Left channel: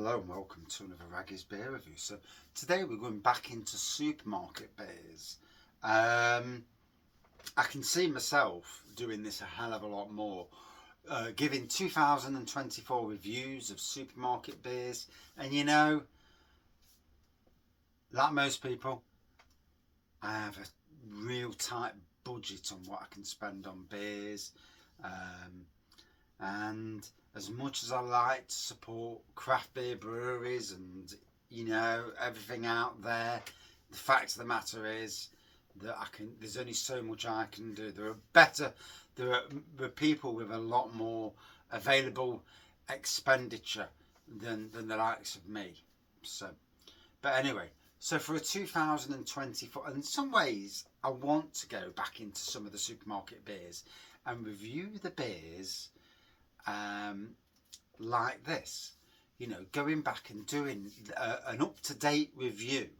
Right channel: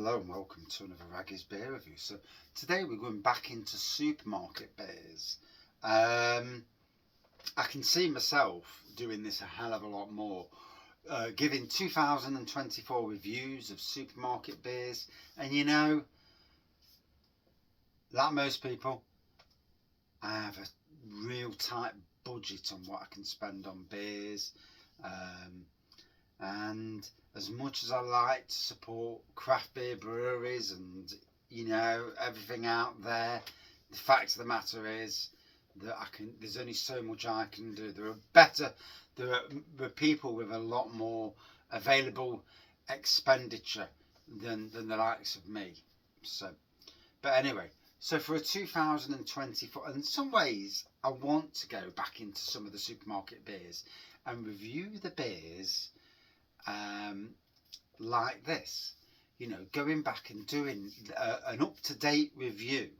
Hello and welcome to another Raggy's Beer Review. So today we're going back into supermarket beers. I can see myself doing this a hell of a lot more, giving 2024 reviews of supermarket beers. And you know, like most people, I have a real tight budget on what I can spend on beers. And as much as I like to support craft beer breweries and, you know, everything out there, the fact of the matter is that there's only so much I can do. There are people with a lot more available expenditure than the likes of me. But anyway, so for a 2024, in some ways I want to go back into some of the supermarket beers and review the beers like this, you know, going back and doing an up-to-date review.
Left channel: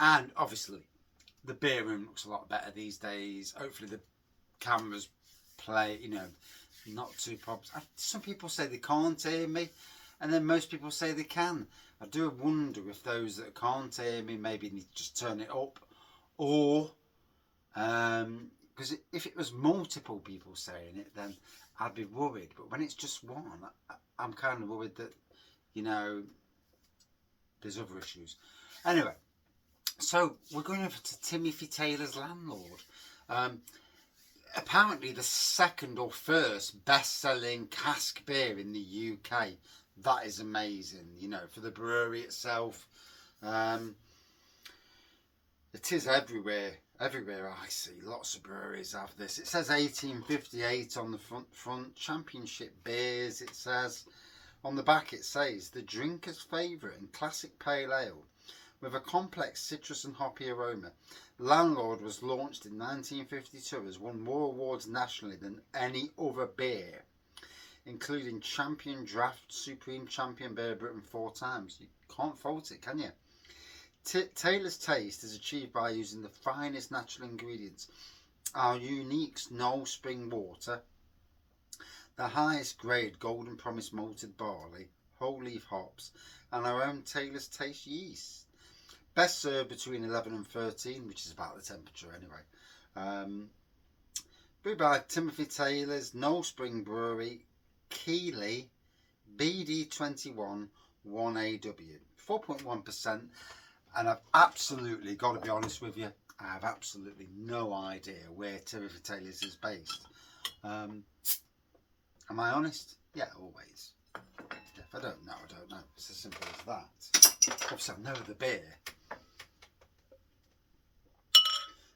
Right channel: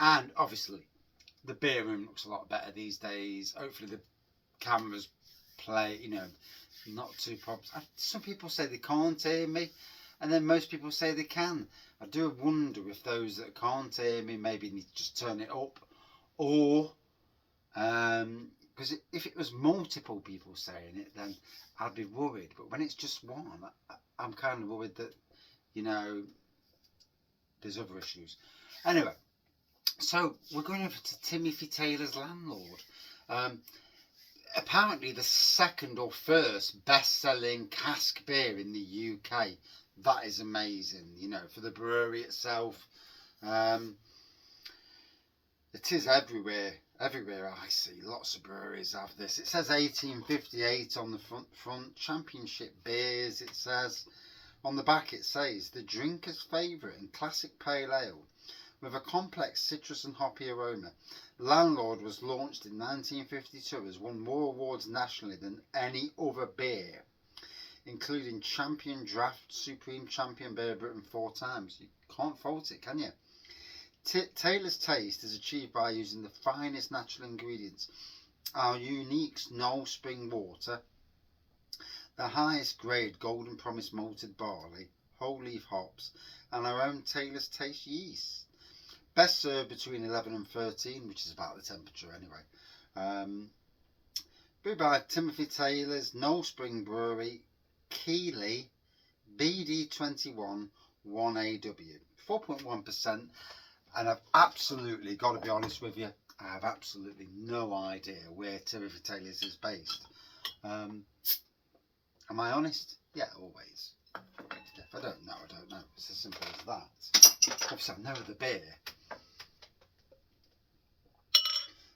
And obviously the beer room looks a lot better these days. Hopefully the cameras play, you know, not too problems. Some people say they can't hear me, and then most people say they can. I do wonder if those that can't hear me maybe need to just turn it up, or because if it was multiple people saying it, then I'd be worried. But when it's just one, I'm kind of worried that, you know, there's other issues. Anyway, so we're going over to Timothy Taylors Landlord. Apparently the second or first best-selling cask beer in the UK. That is amazing, you know, for the brewery itself. It is everywhere I see. Lots of breweries have this. It says 1858 on the front. Championship beers, it says. On the back it says, the drinker's favourite and classic pale ale with a complex citrus and hoppy aroma. Landlord was launched in 1952, has won more awards nationally than any other beer, including Champion Draft, Supreme Champion Beer Britain 4 times. You can't fault it, can you? Taylor's taste is achieved by using the finest natural ingredients, our unique Knoll Spring water, the highest grade Golden Promise malted barley, whole leaf hops, and our own Taylor's Taste yeast. Best served between 11 and 13, which is about the temperature anyway. Brewed by Timothy Taylors, Knoll Spring Brewery, Keighley, BD21 1AW, 4.1%. And I've absolutely got to be honest with you, I have absolutely no idea where Timothy Taylors is based. Am I honest? Yeah, always. If I don't know, I don't know. It's as simple as that. Obviously, I know the beer.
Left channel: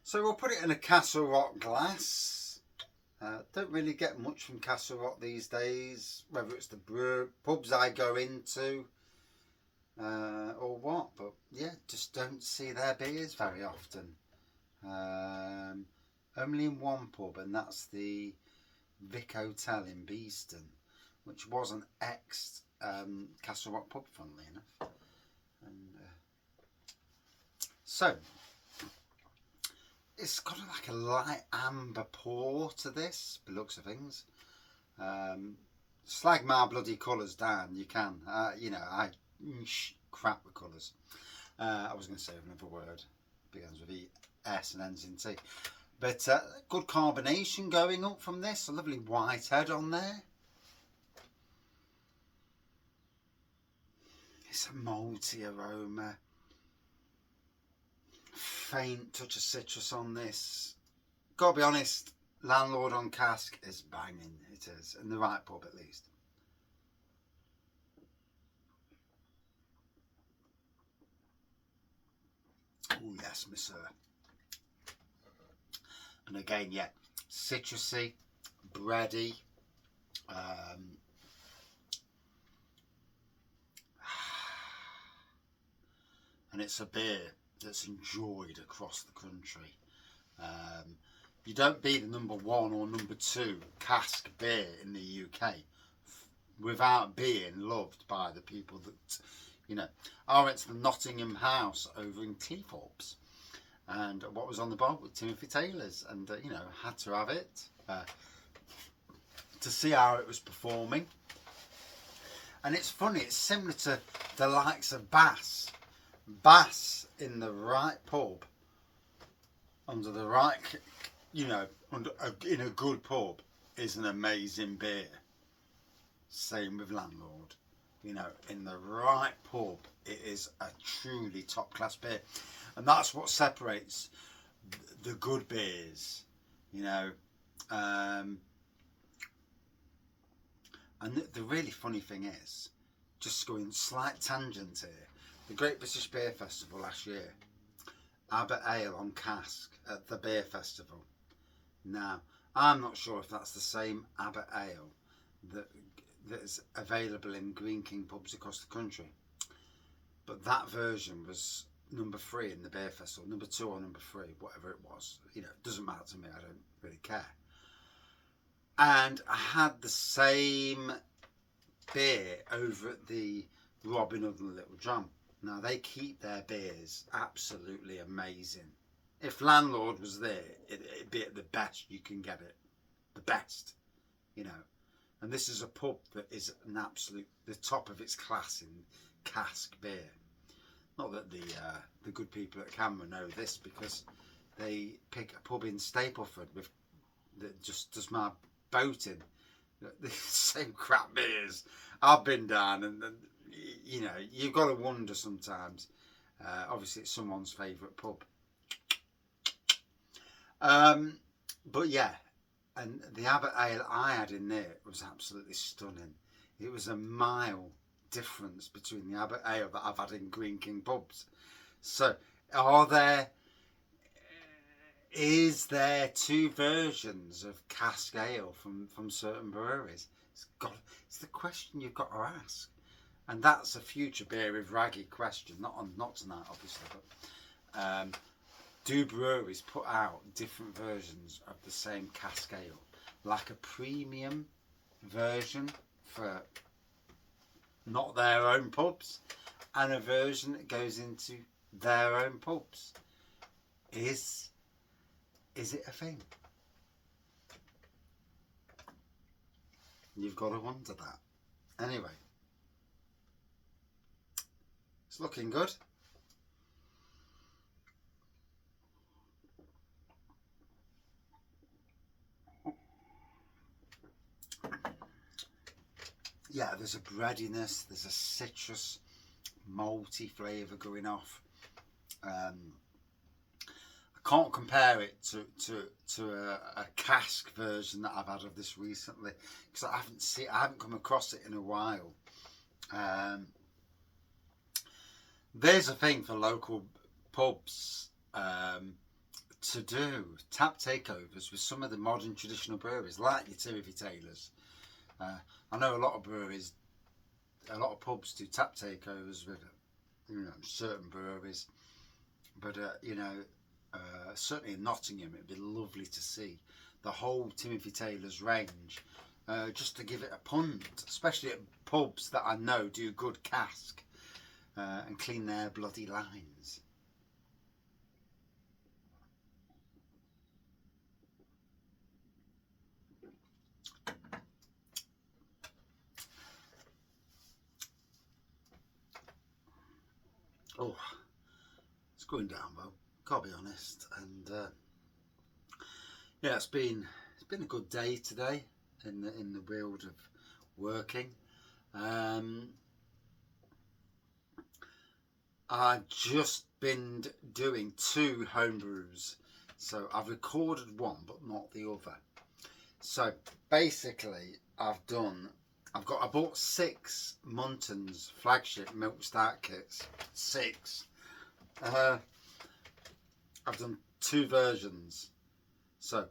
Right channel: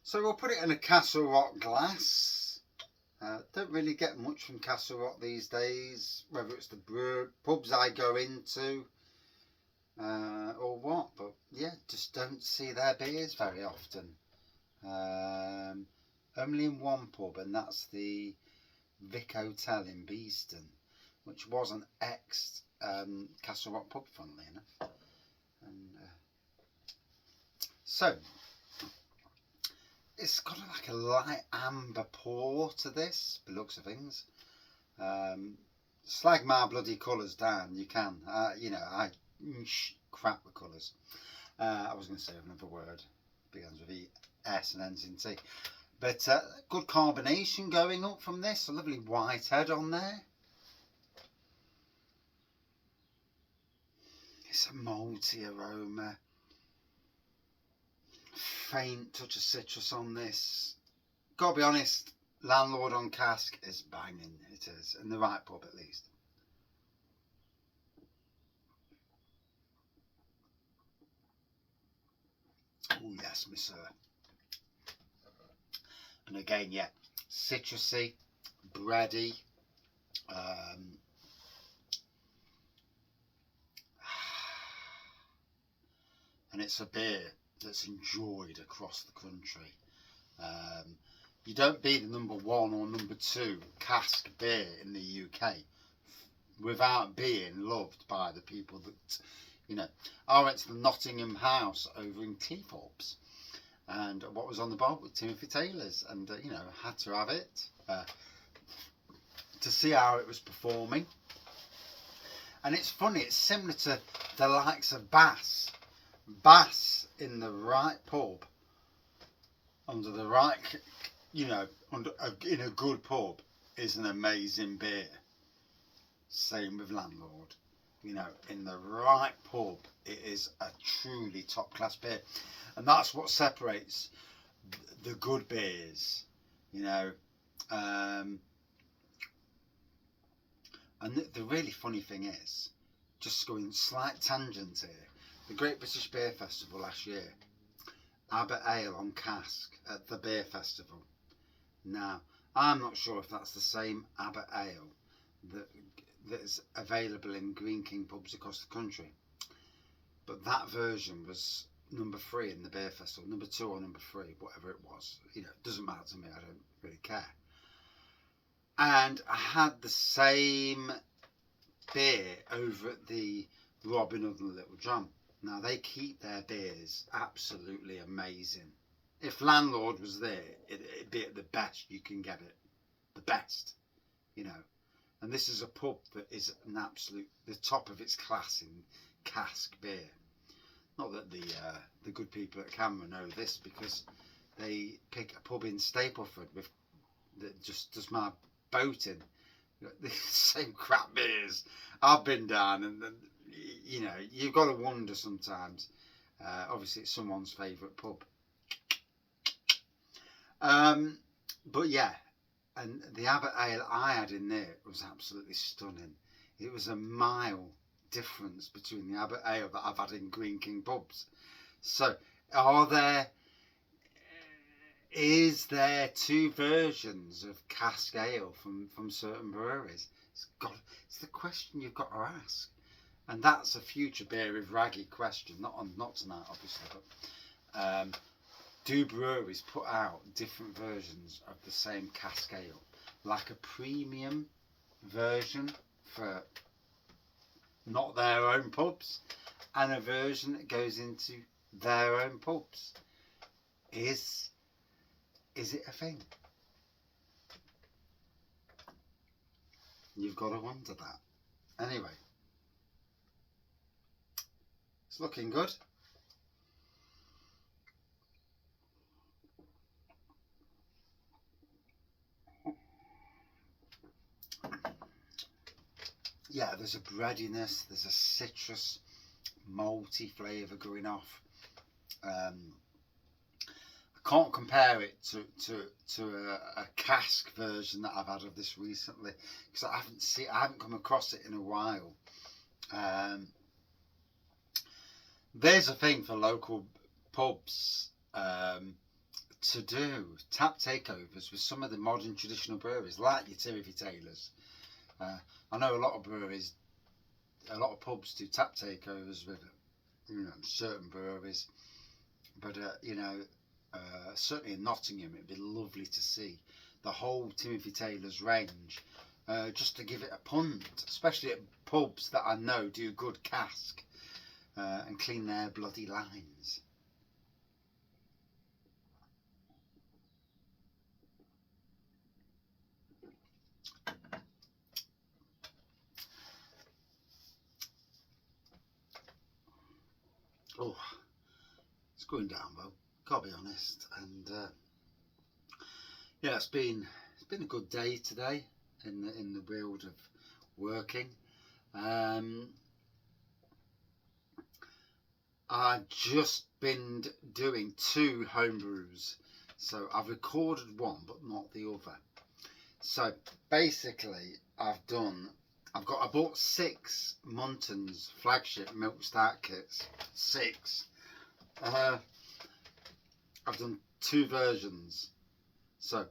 So we'll put it in a Castle Rock glass. Don't really get much from Castle Rock these days, whether it's the pubs I go into. Or what, but yeah, just don't see their beers very often. Only in one pub, and that's the Vic Hotel in Beeston, which was an ex Castle Rock pub, funnily enough. And so it's got like a light amber pour to this, by the looks of things. Slag my bloody colours down, you can. You know, I crap the colours. I was going to say another word, begins with E, S and ends in T. But good carbonation going up from this, a lovely white head on there. It's a malty aroma, faint touch of citrus on this. Gotta be honest, Landlord on cask is banging, it is, in the right pub at least. Oh yes, miss sir. And again, yeah, citrusy, bready. And it's a beer that's enjoyed across the country. You don't be the number 1 or number 2 cask beer in the UK without being loved by the people that, you know. I went to the Nottingham House over in Cleethorpes, and what was on the bar with Timothy Taylors, and you know, had to have it to see how it was performing. And it's funny, it's similar to the likes of Bass. Bass in the right pub, under the right, you know, in a good pub, is an amazing beer. Same with Landlord. You know, in the right pub, it is a truly top class beer. And that's what separates the good beers, you know. And the really funny thing is, just going slight tangent here, the Great British Beer Festival last year, Abbott Ale on Cask at the beer festival. Now, I'm not sure if that's the same Abbott Ale that's available in Green King pubs across the country, but that version was number 3 in the beer festival, number 2 or number 3, whatever it was. You know, it doesn't matter to me, I don't really care. And I had the same beer over at the Robin Hood and the Little John. Now, they keep their beers absolutely amazing. If Landlord was there, it'd be at the best you can get it. The best, you know. And this is a pub that is an absolute, the top of its class in cask beer. Not that the good people at Canberra know this, because they pick a pub in Stapleford with that just does my boating. The same crap beers. I've been down, and you know, you've got to wonder sometimes. Obviously, it's someone's favourite pub. But yeah, and the Abbott Ale I had in there was absolutely stunning. It was a mile difference between the Abbott Ale that I've had in Green King pubs. So, is there 2 versions of cask ale from certain breweries? It's the question you've got to ask, and that's a future Beer with Raggy question. Not tonight, obviously, but do breweries put out different versions of the same cask ale, like a premium version for not their own pubs, and a version that goes into their own pubs? Is it a thing? You've got to wonder that. Anyway, it's looking good. Yeah, there's a breadiness, there's a citrus, malty flavour going off. I can't compare it to a cask version that I've had of this recently, because I haven't come across it in a while. There's a thing for local pubs to do tap takeovers with some of the modern traditional breweries, like your Timothy Taylors. I know a lot of breweries, a lot of pubs do tap takeovers with, you know, certain breweries, but you know, certainly in Nottingham, it'd be lovely to see the whole Timothy Taylors range, just to give it a punt, especially at pubs that I know do good cask and clean their bloody lines. Oh, it's going down well, gotta be honest. And yeah, it's been a good day today in the world of working. I've just been doing 2 home brews, so I've recorded one but not the other. So basically, I bought 6 Muntons flagship milk start kits. 6. I've done 2 versions. So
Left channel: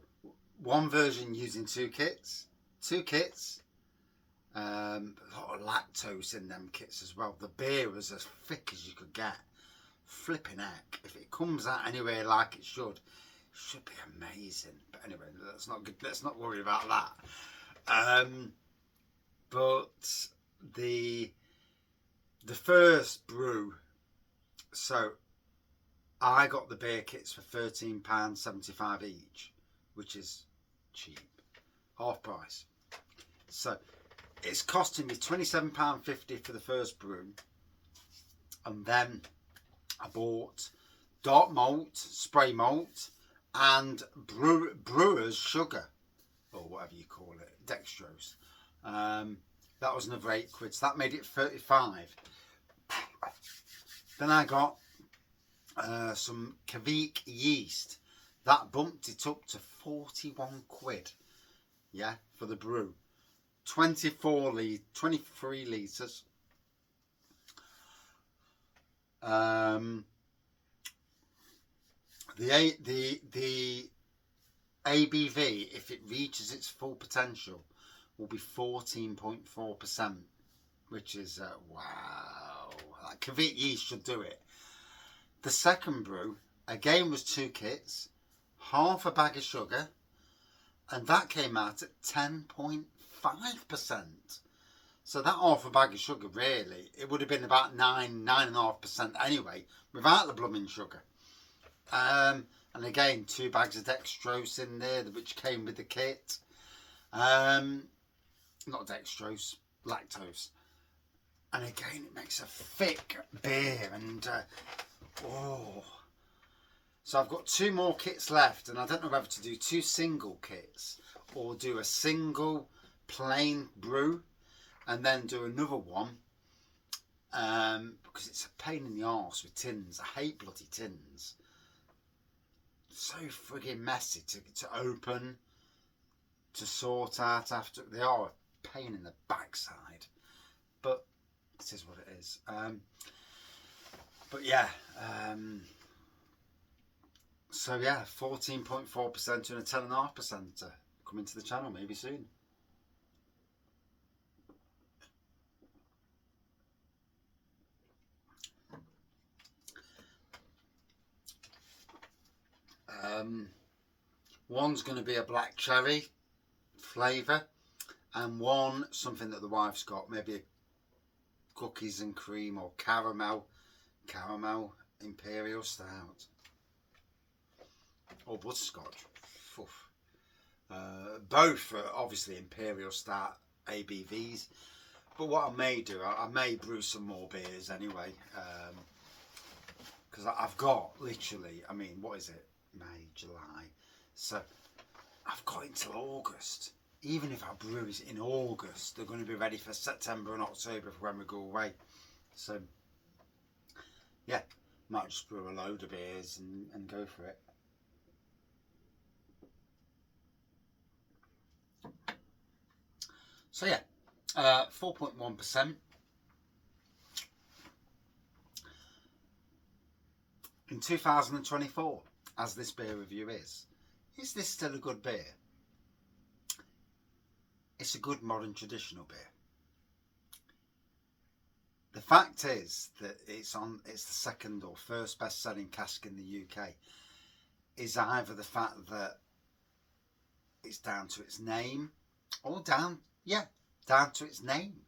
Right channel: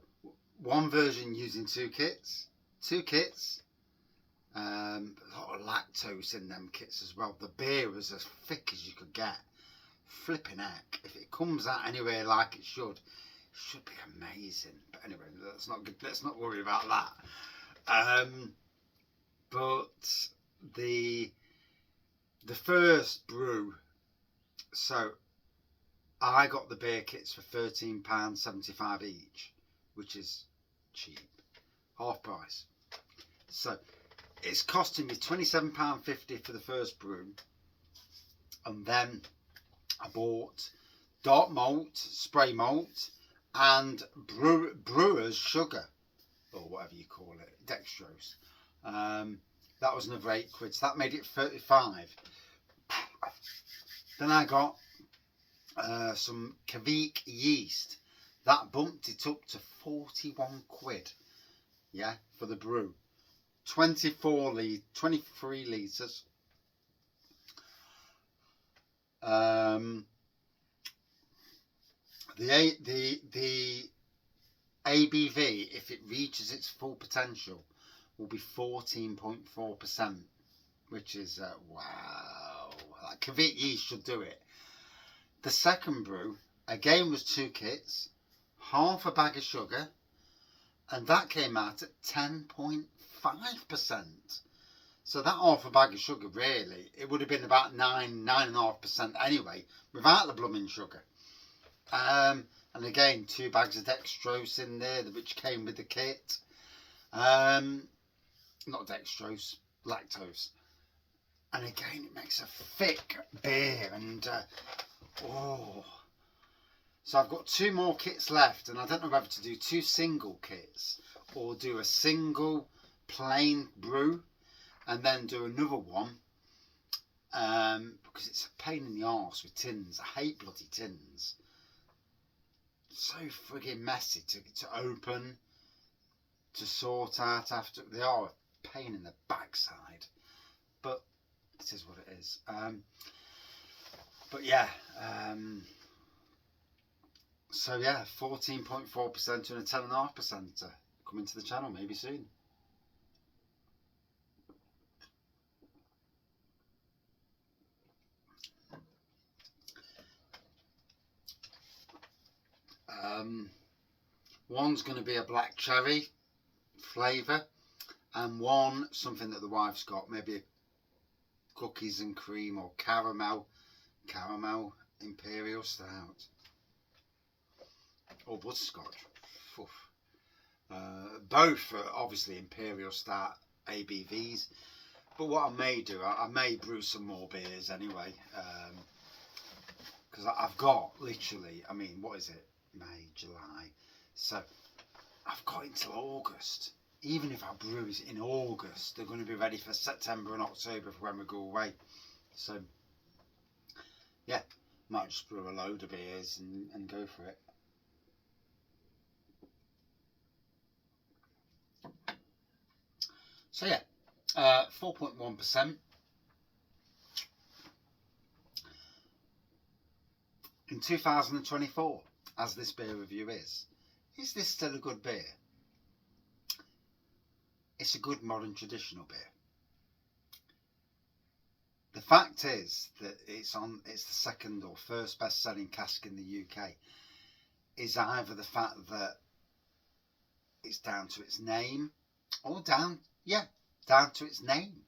1 version using 2 kits. 2 kits. A lot of lactose in them kits as well. The beer was as thick as you could get. Flipping heck. If it comes out anywhere like it should be amazing. But anyway, let's not worry about that. But the first brew, so I got the beer kits for £13.75 each, which is cheap, half price. So it's costing me £27.50 for the first brew, and then I bought dark malt, spray malt, and brewer's sugar, or whatever you call it, dextrose. That was another £8, so that made it 35. Then I got some Cask yeast. That bumped it up to 41 quid. Yeah, for the brew. 23 litres. The ABV, if it reaches its full potential, will be 14.4%, which is wow. Like Cask yeast should do it. The second brew again was 2 kits, half a bag of sugar, and that came out at 10.5%. So that half a bag of sugar, really, it would have been about 9.5% anyway, without the blooming sugar. And again, 2 bags of dextrose in there, which came with the kit. Not dextrose, lactose. And again, it makes a thick beer, and oh. So I've got 2 more kits left, and I don't know whether to do 2 single kits or do a single plain brew and then do another one, because it's a pain in the arse with tins. I hate bloody tins. So friggin' messy to open, to sort out after. They are a pain in the backside, but it is what it is. But yeah, so yeah, 14.4% and a 10.5% coming to the channel maybe soon. One's going to be a black cherry flavour, and one something that the wife's got, maybe a cookies and cream or caramel imperial stout, or butterscotch. Both are obviously imperial stout ABVs, but what I may do, I may brew some more beers anyway, because I've got literally, I mean, what is it, May, July, so I've got until August. Even if I brew it in August, they're going to be ready for September and October for when we go away. So yeah, might just brew a load of beers and go for it. So yeah, 4.1%. In 2024, as this beer review is this still a good beer? It's a good modern traditional beer. The fact is that it's the second or first best-selling cask in the UK is either the fact that it's down to its name, or down to its name,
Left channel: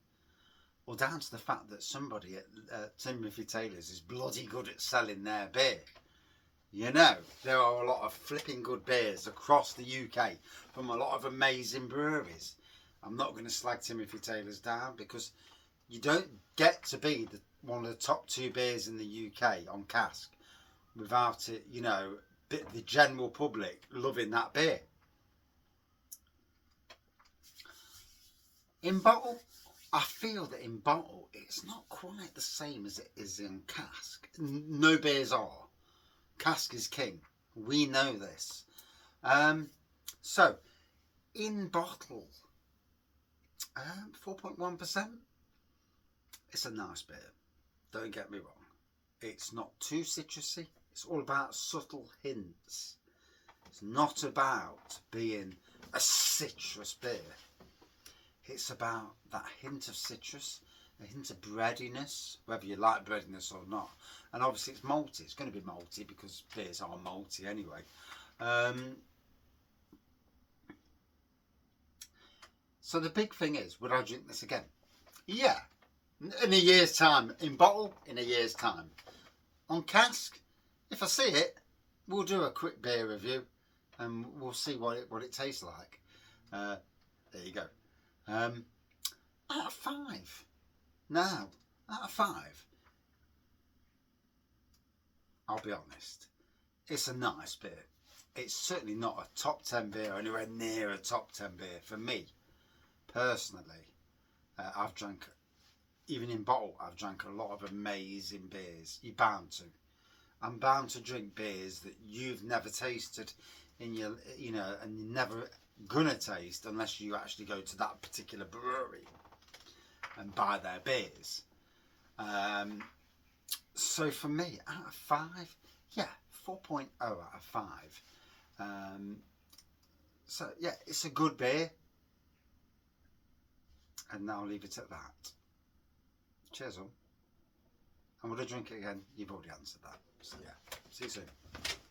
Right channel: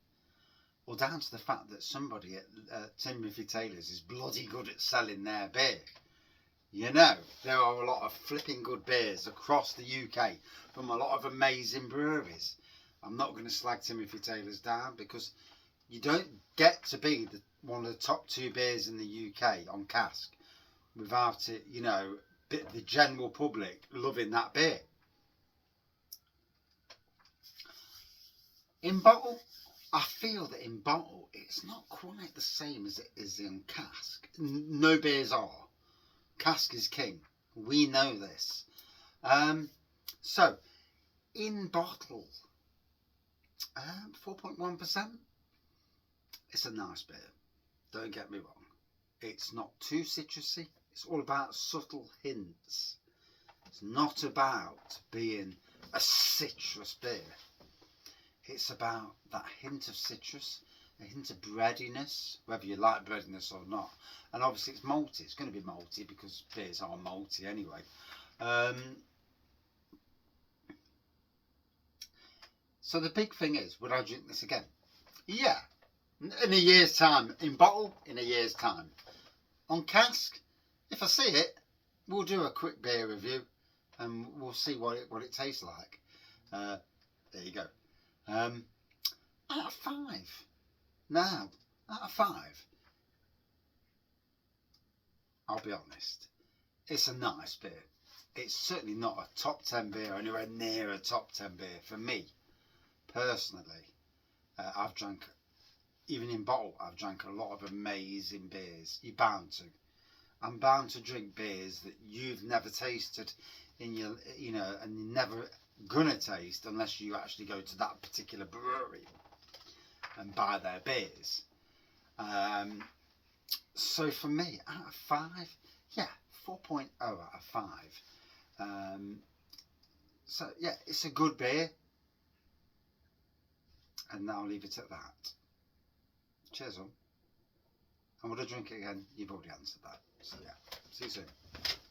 or down to the fact that somebody at Timothy Taylors is bloody good at selling their beer. You know, there are a lot of flipping good beers across the UK from a lot of amazing breweries. I'm not going to slag Timothy Taylors down, because you don't get to be one of the top 2 beers in the UK on cask without it, you know, the general public loving that beer. In bottle, I feel that in bottle it's not quite the same as it is in cask. No beers are. Cask is king. We know this. So in bottle, 4.1%. It's a nice beer. Don't get me wrong. It's not too citrusy. It's all about subtle hints. It's not about being a citrus beer. It's about that hint of citrus, a hint of breadiness, whether you like breadiness or not. And obviously it's malty. It's going to be malty because beers are malty anyway. So the big thing is, would I drink this again? Yeah. In a year's time. In bottle, in a year's time. On cask, if I see it, we'll do a quick beer review and we'll see what it tastes like. There you go. Out of 5. Now, out of 5, I'll be honest, it's a nice beer. It's certainly not a top 10 beer or anywhere near a top 10 beer for me, personally. I've drank, even in bottle, I've drank a lot of amazing beers. You're bound to. I'm bound to drink beers that you've never tasted in your, you know, and you're never gonna taste unless you actually go to that particular brewery and buy their beers. So for me, out of 5, yeah, 4.0 out of 5. So yeah, it's a good beer, and I'll leave it at that. Cheers, on. And would I drink it again? You've already answered that. So yeah, see you soon.